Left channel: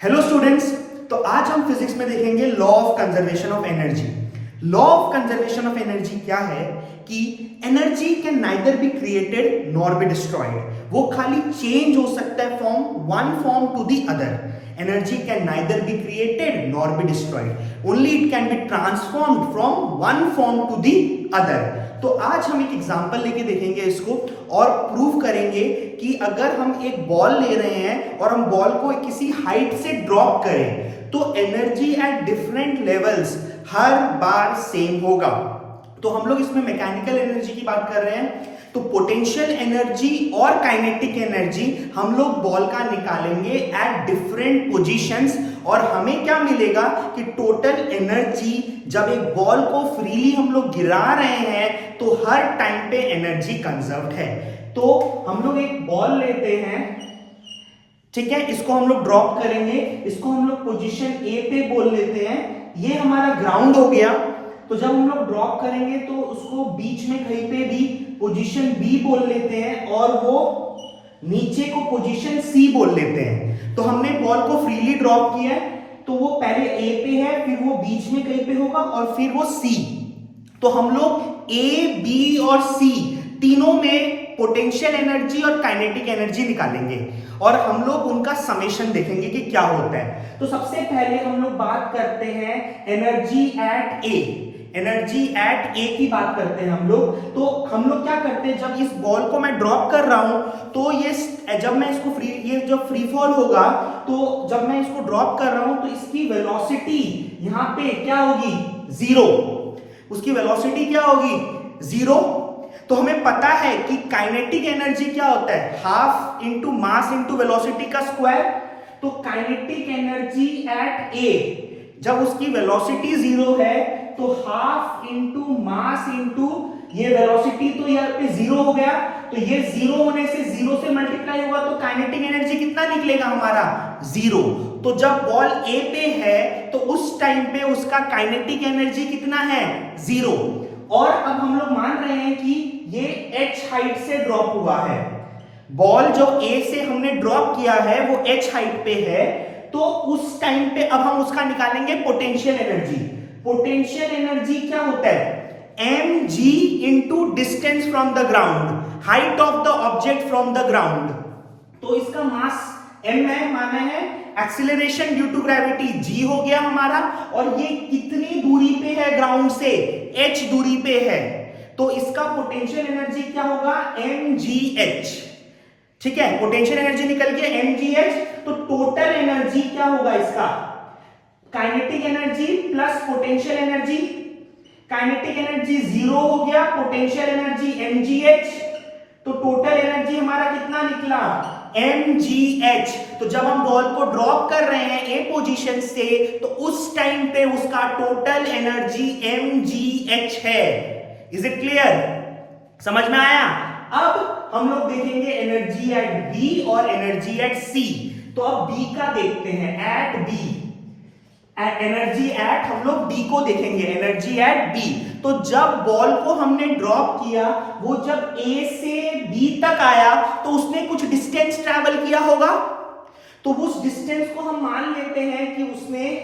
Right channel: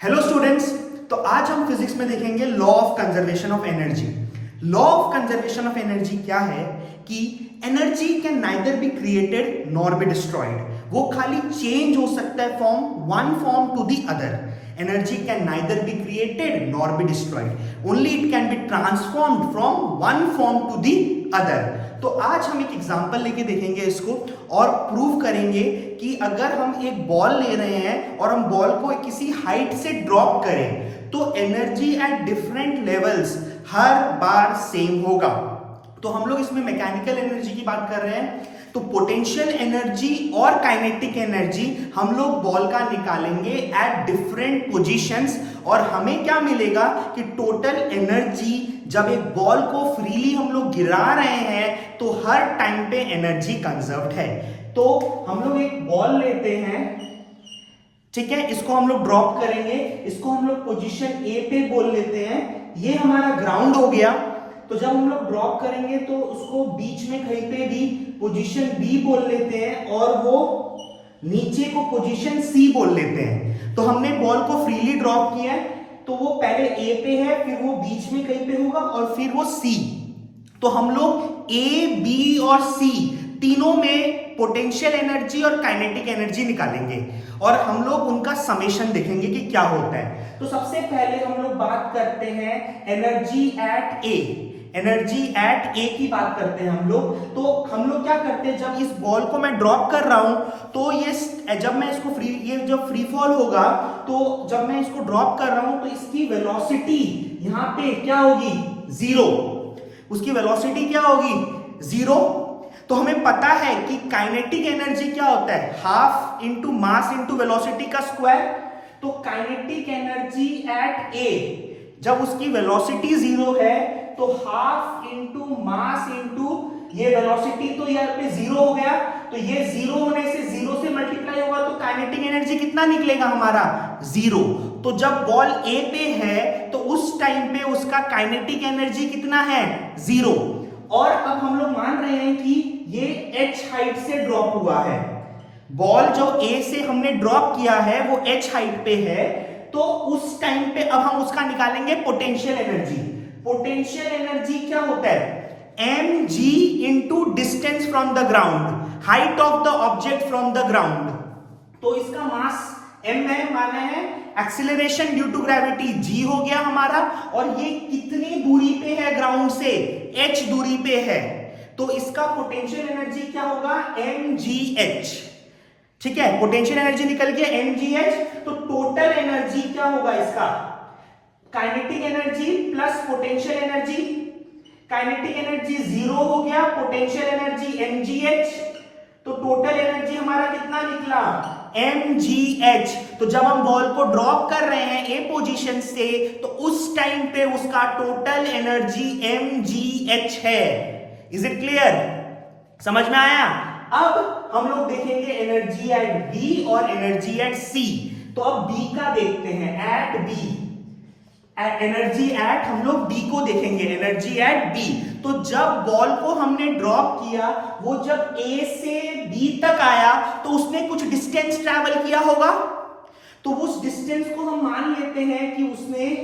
Hello students. तो आज हम फिजिक्स में देखेंगे law of conservation of energy. Law of conservation of energy क्या है कि energy can neither be created nor be destroyed. वो खाली चेंज हो सकता है from one form to the other. Energy can neither be created nor be destroyed, only it can be transformed from one form to the other. तो आज हम एक example लेके देखेंगे इसको और प्रूव करेंगे कि अगर हम एक बॉल ले रहे हैं और हम बॉल को किसी हाइट से ड्रॉप करें तो energy at different levels her bar same होगा। तो हम लोग इसमें मैकेनिकल एनर्जी की बात कर रहे हैं, तो पोटेंशियल एनर्जी और काइनेटिक एनर्जी हम लोग बॉल का निकालेंगे एट डिफरेंट पोजीशंस और हमें क्या मिलेगा कि टोटल एनर्जी जब एक बॉल को फ्रीली हम लोग गिरा रहे हैं तो हर टाइम पे एनर्जी कंजर्व्ड है। तो हम लोग एक बॉल लेते हैं, ठीक है, इसको हम लोग ड्रॉप करेंगे, इसको हम लोग पोजीशन ए पे बोल लेते हैं। ये हमारा ग्राउंड हो गया। तो जब हम लोग ड्रॉप करेंगे तो उसको बीच में कहीं पे भी पोजीशन बी बोल लेते हैं और वो नीचे को पोजीशन सी बोल लेते हैं। तो हमने बॉल को फ्रीली ड्रॉप किया है, तो वो पहले ए पे है, फिर वो बीच में कहीं पे होगा और फिर वो सी। तो हम लोग ए, बी और सी तीनों में पोटेंशियल एनर्जी और काइनेटिक एनर्जी निकालेंगे और हम लोग उनका समेशन देखेंगे कि क्या होता है। तो सबसे पहले हम लोग बात करते हैं energy at A. Energy at A की बात करते हैं हम लोग। तो हम लोग क्या करते हैं, जब इस बॉल को मैं ड्रॉप कर रहा हूं तो ये जब मैं इसको ये जब फ्री फॉल होगा तो जब मैं इसको ड्रॉप कर रहा हूं तो इसकी वेलोसिटी यहां पे क्या होगी, जीरो। उसकी वेलोसिटी क्या होगी, जीरो। तो हमें पता है कि काइनेटिक एनर्जी क्या होता है, half into mass into velocity का स्क्वायर। तो काइनेटिक एनर्जी एट ए जब उसकी वेलोसिटी जीरो है तो हाफ इंटू मास इंटू ये वेलोसिटी, तो यहाँ पे जीरो हो गया। तो ये जीरो होने से जीरो से मल्टीप्लाई होगा तो काइनेटिक एनर्जी कितना निकलेगा हमारा, जीरो। तो जब बॉल ए पे है तो उस टाइम पे उसका काइनेटिक एनर्जी कितना है, जीरो। और अब हम लोग मान रहे हैं कि ये h हाइट से ड्रॉप हुआ है। बॉल जो a से हमने ड्रॉप किया है वो h हाइट पे है, तो उस टाइम पे अब हम उसका निकालेंगे पोटेंशियल एनर्जी। पोटेंशियल एनर्जी क्या होता है, mg into distance from the ground, height of the object from the ground. तो इसका मास m है, माना है acceleration due to gravity g हो गया हमारा, और ये कितनी दूरी पे है ग्राउंड से, h दूरी पे है। तो इसका पोटेंशियल एनर्जी क्या होगा, mgh। ठीक है, पोटेंशियल एनर्जी निकल गया mgh। तो टोटल एनर्जी क्या होगा इसका, kinetic energy plus potential energy. Kinetic energy zero हो गया, पोटेंशियल एनर्जी mgh, तो टोटल एनर्जी हमारा कितना निकला, mgh। तो जब हम बॉल को ड्रॉप कर रहे हैं ए पोजीशन से तो उस टाइम पे उसका टोटल एनर्जी mgh है। इज इट क्लियर, समझ में आया। अब हम लोग देखेंगे एनर्जी एट बी और एनर्जी एट सी। तो अब बी का देखते हैं, एट बी, एनर्जी एट, हम लोग बी को देखेंगे, एनर्जी एट बी। तो जब बॉल को हमने ड्रॉप किया वो जब ए से बी तक आया तो उसने कुछ डिस्टेंस ट्रैवल किया होगा। तो उस डिस्टेंस को हम मान लेते हैं कि उसने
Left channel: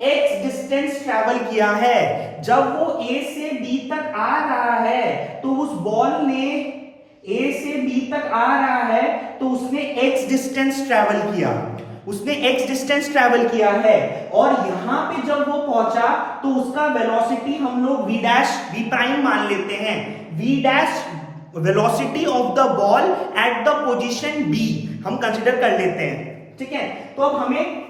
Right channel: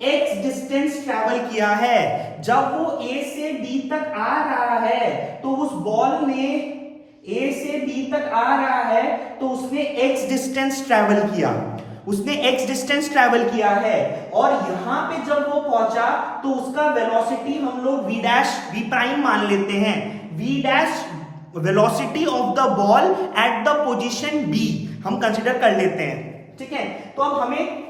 x डिस्टेंस ट्रैवल किया है। जब वो a से b तक आ रहा है तो उस बॉल ने a से b तक आ रहा है तो उसने x डिस्टेंस ट्रैवल किया, उसने x डिस्टेंस ट्रैवल किया है। और यहां पे जब वो पहुंचा तो उसका वेलोसिटी हम लोग v डैश v प्राइम मान लेते हैं, v dash velocity of the ball at the position b हम कंसीडर कर लेते हैं। ठीक है, तो अब हमें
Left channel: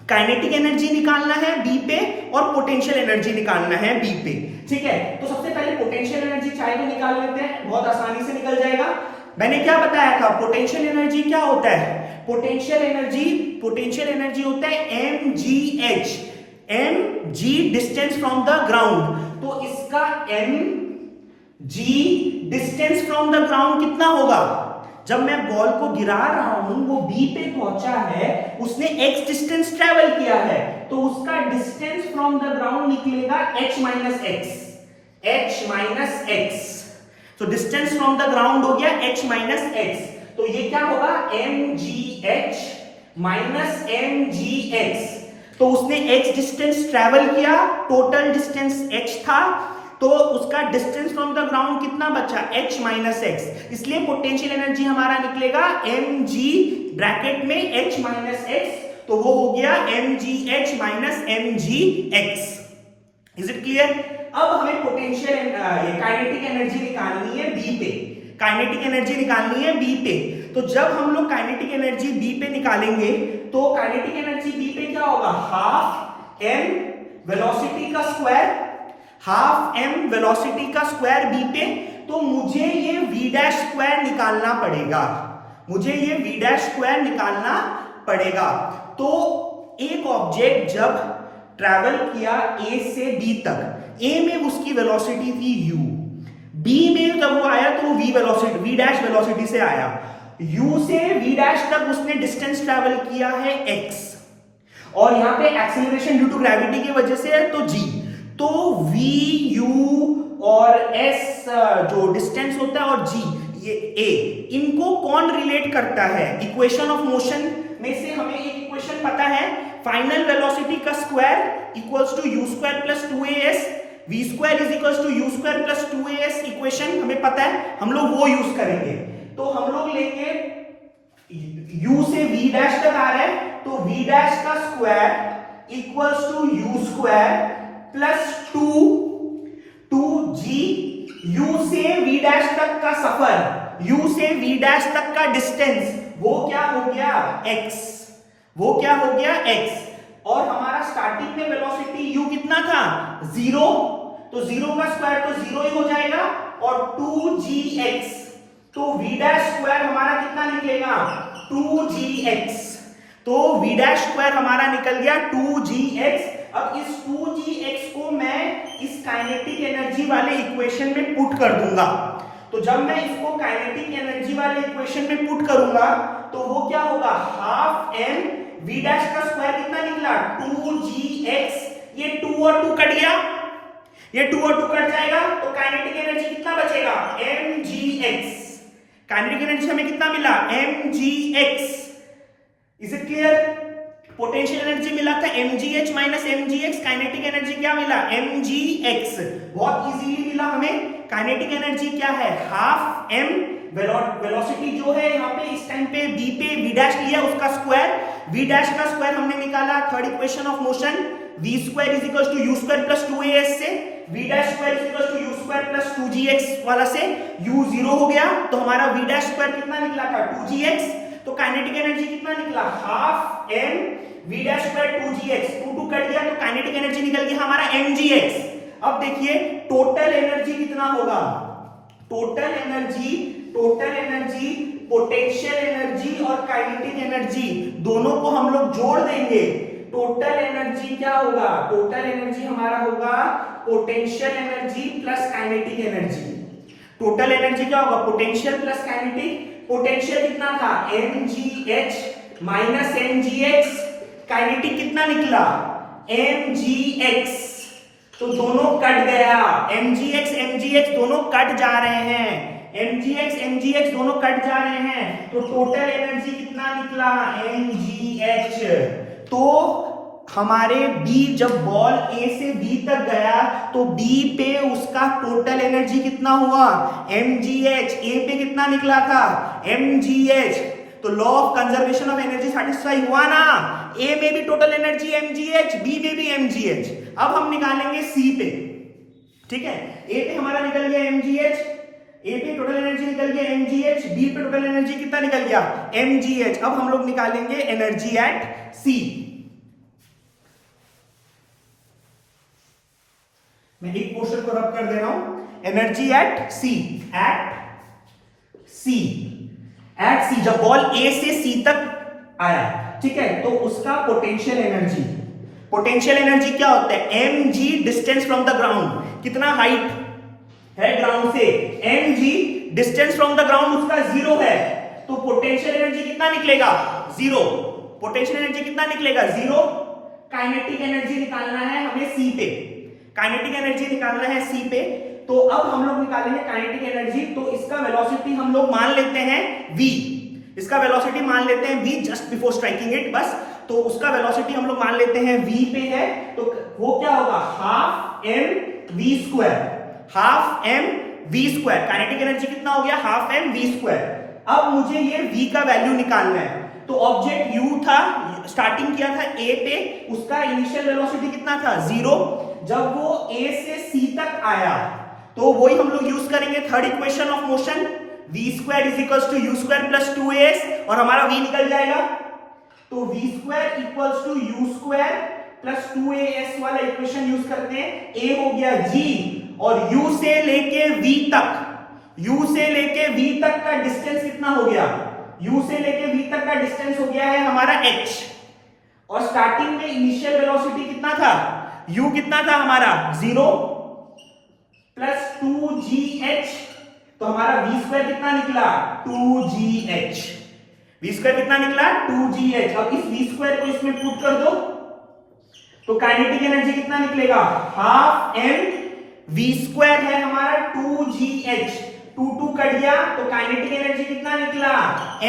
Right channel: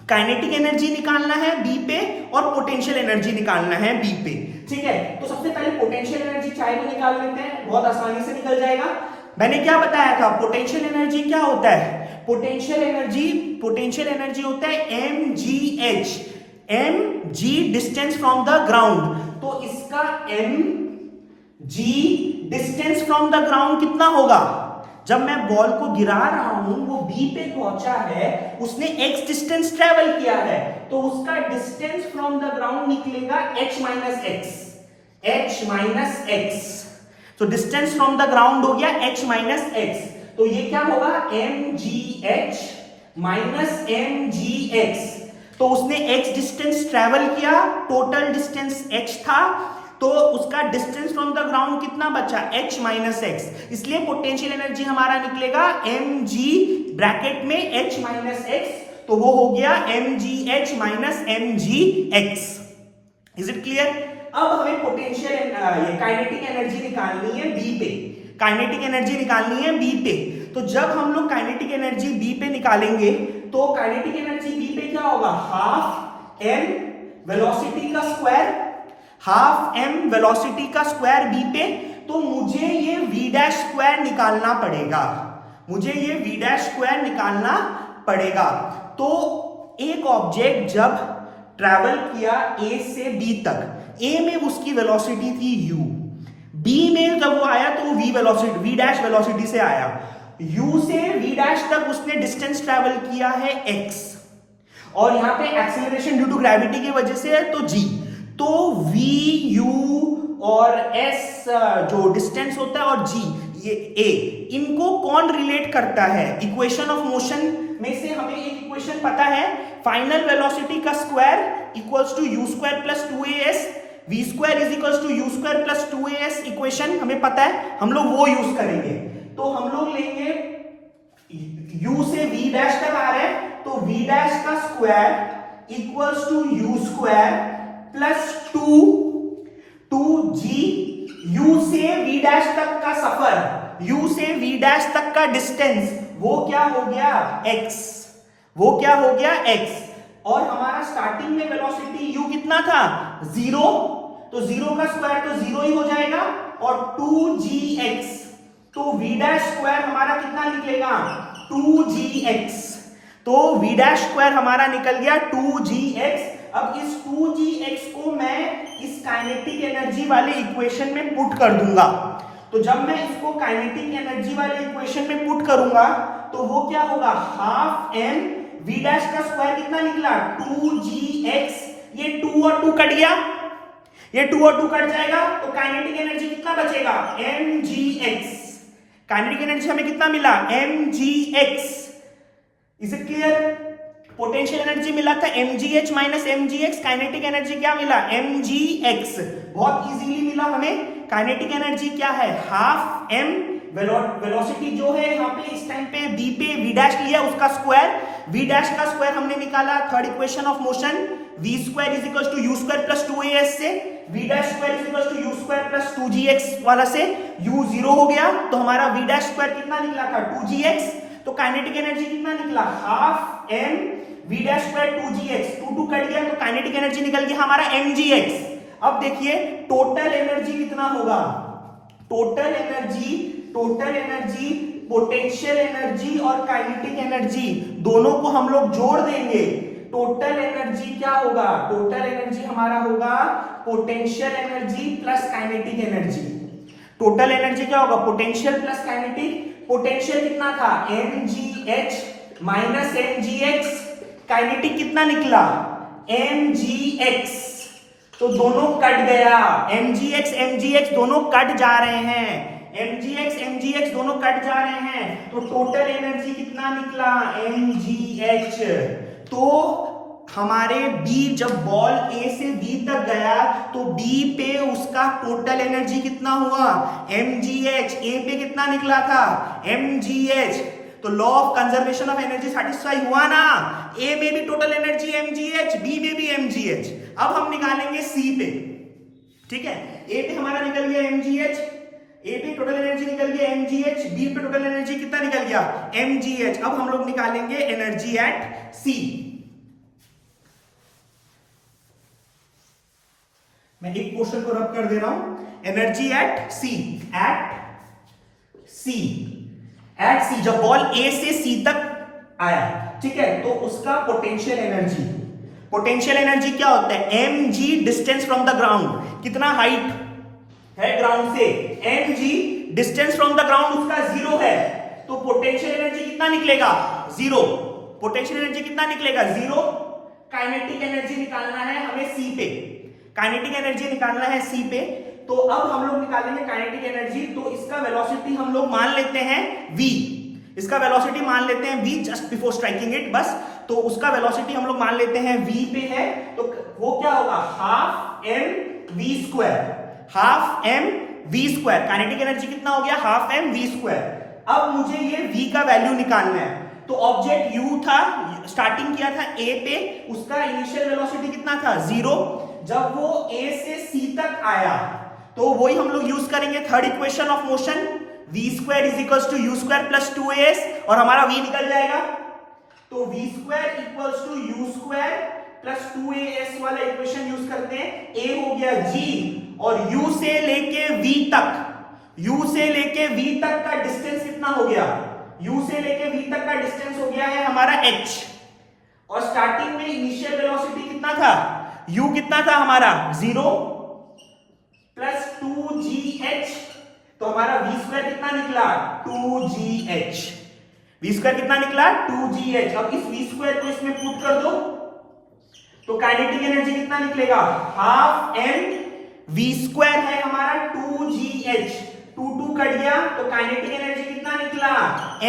काइनेटिक एनर्जी निकालना है बी पे और पोटेंशियल एनर्जी निकालना है बी पे। ठीक है, तो सबसे पहले पोटेंशियल एनर्जी चाहे तो निकाल लेते हैं, बहुत आसानी से निकल जाएगा। मैंने क्या बताया था, पोटेंशियल एनर्जी क्या होता है, पोटेंशियल एनर्जी होता है mgh, mg distance from the ground. तो इसका mg distance from the ground कितना होगा, जब मैं बॉल को गिरा रहा हूं वो बी पे पहुंचा है, उसने x डिस्टेंस ट्रेवल किया है, तो उसका डिस्टेंस फ्रॉम द ग्राउंड निकलेगा h माइनस x। तो डिस्टेंस फ्रॉम द ग्राउंड हो गया h माइनस x। तो ये क्या होगा, mgh minus M G X. तो उसने x डिस्टेंस ट्रेवल किया, टोटल डिस्टेंस h था, तो उसका डिस्टेंस फ्रॉम द ग्राउंड कितना बचा, h माइनस एक्स। इसलिए पोटेंशियल एनर्जी हमारा निकलेगा mg ब्रैकेट में h माइनस एक्स, तो वो हो गया mgh minus mgx। Is it clear? अब हमें पोटेंशियल ये काइनेटिक एनर्जी निकालनी है बी पे, काइनेटिक एनर्जी निकालनी है बी पे। तो जब हम लोग काइनेटिक एनर्जी बी पे निकालेंगे तो काइनेटिक एनर्जी बी पे क्या होगा, हाफ एम वेलोसिटी का स्क्वायर, हाफ एम वेलोसिटी का स्क्वायर बी पे। तो मुझे ये v डैश स्क्वायर निकालना पड़ेगा, मुझे ये v डैश स्क्वायर निकालना पड़ेगा। तो एक ऑब्जेक्ट जब ट्रैवल किया a से b तक, a में उसकी वेलोसिटी थी u, b में जब वो आया तो v velocity, v dash velocity से आया, u से v डैश तक उसने डिस्टेंस ट्रैवल किया है x, और यहां पे एक्सेलरेशन ड्यू टू ग्रेविटी की वजह से है तो g। तो v u और s जो डिस्टेंस होता है और g ये a, इनको कौन रिलेट करता है, इक्वेशन ऑफ मोशन में से हमें एक इक्वेशन पता है, फाइनल वेलोसिटी का square equals to u square plus 2as, v square is equals to u square plus 2as, equation हमें पता है, हम लोग वो यूज करेंगे। तो हम लोग लेंगे u से v डैश तक आ रहा है, तो v डैश का square equals to u square plus 2g, u से v डैश तक का सफर, u से v डैश तक का डिस्टेंस, वो क्या हो गया x, वो क्या हो गया x। और हमारा स्टार्टिंग में वेलोसिटी u कितना था, 0, तो 0 का स्क्वायर तो 0 ही हो जाएगा, और 2gx, तो v डैश स्क्वायर हमारा कितना निकलेगा, 2gx। तो v डैश स्क्वायर हमारा निकल गया 2gx। अब इस 2gx को मैं इस काइनेटिक एनर्जी वाले इक्वेशन में पुट कर दूंगा। तो जब मैं इसको काइनेटिक एनर्जी वाले इक्वेशन में पुट करूंगा तो वो क्या होगा, हाफ m v डैश का स्क्वायर कितना निकला, 2gx, ये 2 और 2 कट गया, ये 2 और 2 कट जाएगा, तो काइनेटिक एनर्जी कितना बचेगा, mgx। काइनेटिक एनर्जी हमें कितना मिला, mgx। Is it clear? Potential energy मिला था mgh minus mgx, kinetic energy क्या मिला, mgx। बहुत इजीली मिला हमें। काइनेटिक एनर्जी क्या है, हाफ m वेलोसिटी जो है यहाँ पे इस टाइम पे b पे v डैश लिया उसका स्क्वायर, v डैश का स्क्वायर हमने निकाला third equation of motion, v square is equal to u square plus 2as से, v dash square is equal to u square plus 2gx वाला से, u 0 हो गया, तो हमारा v डैश स्क्वायर कितना निकला था, 2gx। तो काइनेटिक एनर्जी कितना निकला, half m v dash square 2gx, 2 cut गया, तो काइनेटिक एनर्जी निकल गया हमारा mgx। अब देखिए टोटल एनर्जी कितना होगा, टोटल एनर्जी पोटेंशियल एनर्जी और काइनेटिक एनर्जी दोनों को हम लोग जोड़ देंगे। टोटल एनर्जी क्या होगा, टोटल एनर्जी हमारा होगा potential energy plus kinetic energy. Total energy क्या होगा, पोटेंशियल प्लस काइनेटिक। पोटेंशियल कितना था, mgh माइनस mgx, काइनेटिक कितना निकला, mgx, तो दोनों कट गया, mgx दोनों कट जा रहे हैं, mgx दोनों कट जा रहे हैं, तो टोटल एनर्जी कितना निकला, mgh। तो हमारे B जब बॉल A से B तक गया तो B पे उसका टोटल एनर्जी कितना हुआ, mgh। A पे कितना निकला था, mgh। तो law of conservation of energy satisfy हुआ ना, A में भी टोटल एनर्जी mgh, B में भी mgh। अब हम निकालेंगे C पे, ठीक है। A पे हमारा निकल गया mgh, A पे टोटल एनर्जी निकल गया mgh, B पे टोटल एनर्जी कितना निकल गया, mgh। अब हम लोग निकालेंगे एनर्जी एट C। मैं एक पोर्शन को रब कर दे रहा हूं, एनर्जी एट सी, जब बॉल A से C तक आया, ठीक है, तो उसका पोटेंशियल एनर्जी क्या होता है, mg distance from the ground, कितना हाइट है ग्राउंड से, mg distance from the ground उसका 0 है, तो पोटेंशियल एनर्जी कितना निकलेगा, 0। पोटेंशियल एनर्जी कितना निकलेगा, 0। काइनेटिक एनर्जी निकालना है हमें C पे, काइनेटिक एनर्जी निकालना है C पे। तो अब हम लोग निकालेंगे काइनेटिक एनर्जी, तो इसका वेलोसिटी हम लोग मान लेते हैं v, इसका वेलोसिटी मान लेते हैं v just before striking it, बस। तो उसका वेलोसिटी हम लोग मान लेते हैं v पे है, तो वो क्या होगा, half m v square, half m v square. Kinetic energy कितना हो गया, हाफ m v स्क्वायर। अब मुझे ये v का वैल्यू निकालना है। तो ऑब्जेक्ट u था, स्टार्टिंग किया था a पे, उसका इनिशियल वेलोसिटी कितना था, 0। जब वो a से c तक आया तो वही हम लोग यूज करेंगे third equation of motion, v square is equals to u square plus 2as, और हमारा v निकल जाएगा। तो v square equals to u square plus 2as वाला इक्वेशन यूज करते हैं। a हो गया g, और u से लेके v तक, u से लेके v तक का डिस्टेंस कितना हो गया, u से लेके v तक का डिस्टेंस हो गया है हमारा h। और स्टार्टिंग में इनिशियल वेलोसिटी कितना था, u कितना था हमारा 0 प्लस 2gh, तो हमारा v स्क्वायर कितना निकला, 2gh। v स्क्वायर कितना निकला, 2gh। अब इस v स्क्वायर को इसमें पुट कर दो, तो काइनेटिक एनर्जी कितना निकलेगा, हाफ m v स्क्वायर है हमारा 2gh, 2 कट गया, तो काइनेटिक एनर्जी कितना निकला,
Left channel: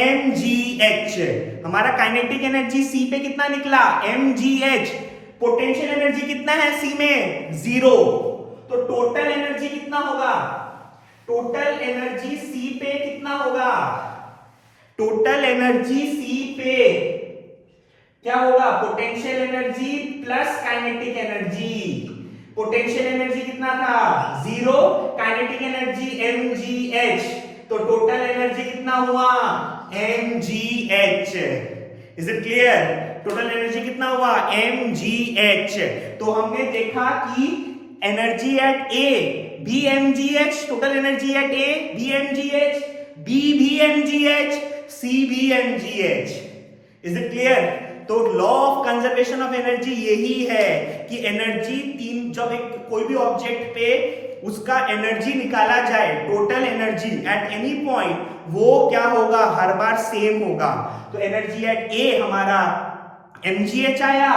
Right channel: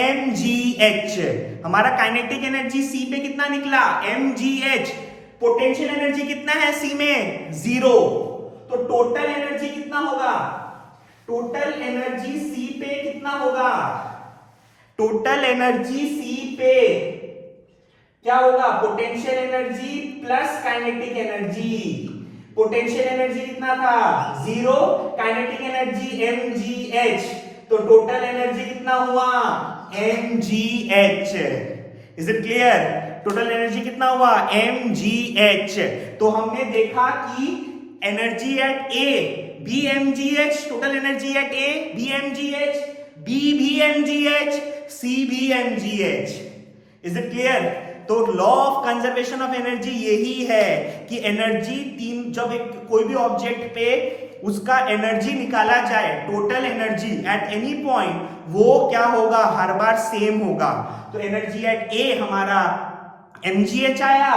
mgh। हमारा काइनेटिक एनर्जी c पे कितना निकला, mgh। पोटेंशियल एनर्जी कितना है c में, 0। तो टोटल एनर्जी कितना होगा, टोटल एनर्जी c पे कितना होगा, टोटल एनर्जी c पे क्या होगा, potential energy plus kinetic energy. Potential energy कितना था, 0, काइनेटिक एनर्जी mgh, तो टोटल एनर्जी कितना हुआ, mgh। Is it clear, total energy कितना हुआ, mgh। तो हमने देखा कि एनर्जी एट A भी mgh, total energy at A भी mgh, B भी mgh, C भी mgh। Is it clear. तो law of conservation of energy यही है कि एनर्जी तीन, जब एक कोई भी ऑब्जेक्ट पे उसका एनर्जी निकाला जाए, total energy at any point, वो क्या होगा, हर बार सेम होगा। तो एनर्जी एट A हमारा mgh आया,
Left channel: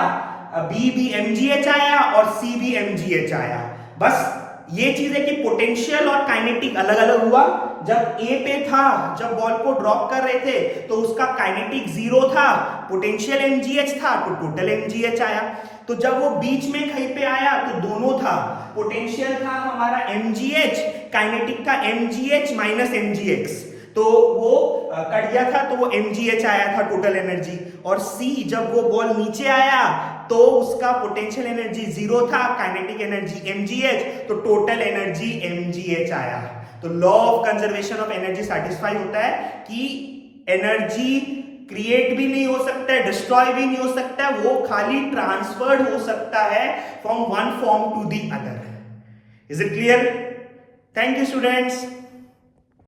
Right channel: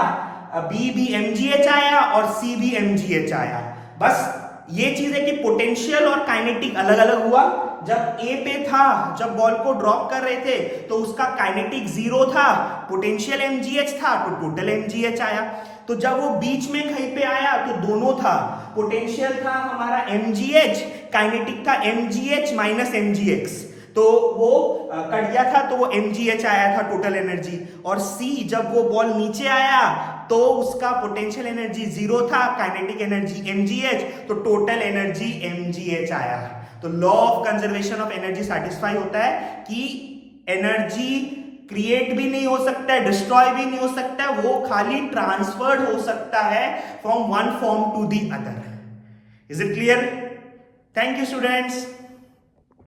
B भी mgh आया, और C भी mgh आया। बस ये चीज है कि पोटेंशियल और काइनेटिक अलग अलग हुआ। जब A पे था, जब बॉल को ड्रॉप कर रहे थे, तो उसका काइनेटिक 0 था, पोटेंशियल mgh था, तो टोटल mgh आया। तो जब वो बीच में कहीं पे आया तो दोनों था, पोटेंशियल था हमारा mgh, काइनेटिक था mgh माइनस mgx, तो वो कट गया था, तो वो mgh आया था टोटल एनर्जी। और C जब वो बॉल नीचे आया तो उसका पोटेंशियल एनर्जी 0 था, काइनेटिक एनर्जी mgh, तो टोटल एनर्जी mgh आया। तो law of conservation of energy satisfy होता है कि एनर्जी क्रिएट भी नहीं हो सकता है, डिस्ट्रॉय भी नहीं हो सकता है, वो खाली ट्रांसफर्ड हो सकता है from one form to the other. Is it clear? Thank you students.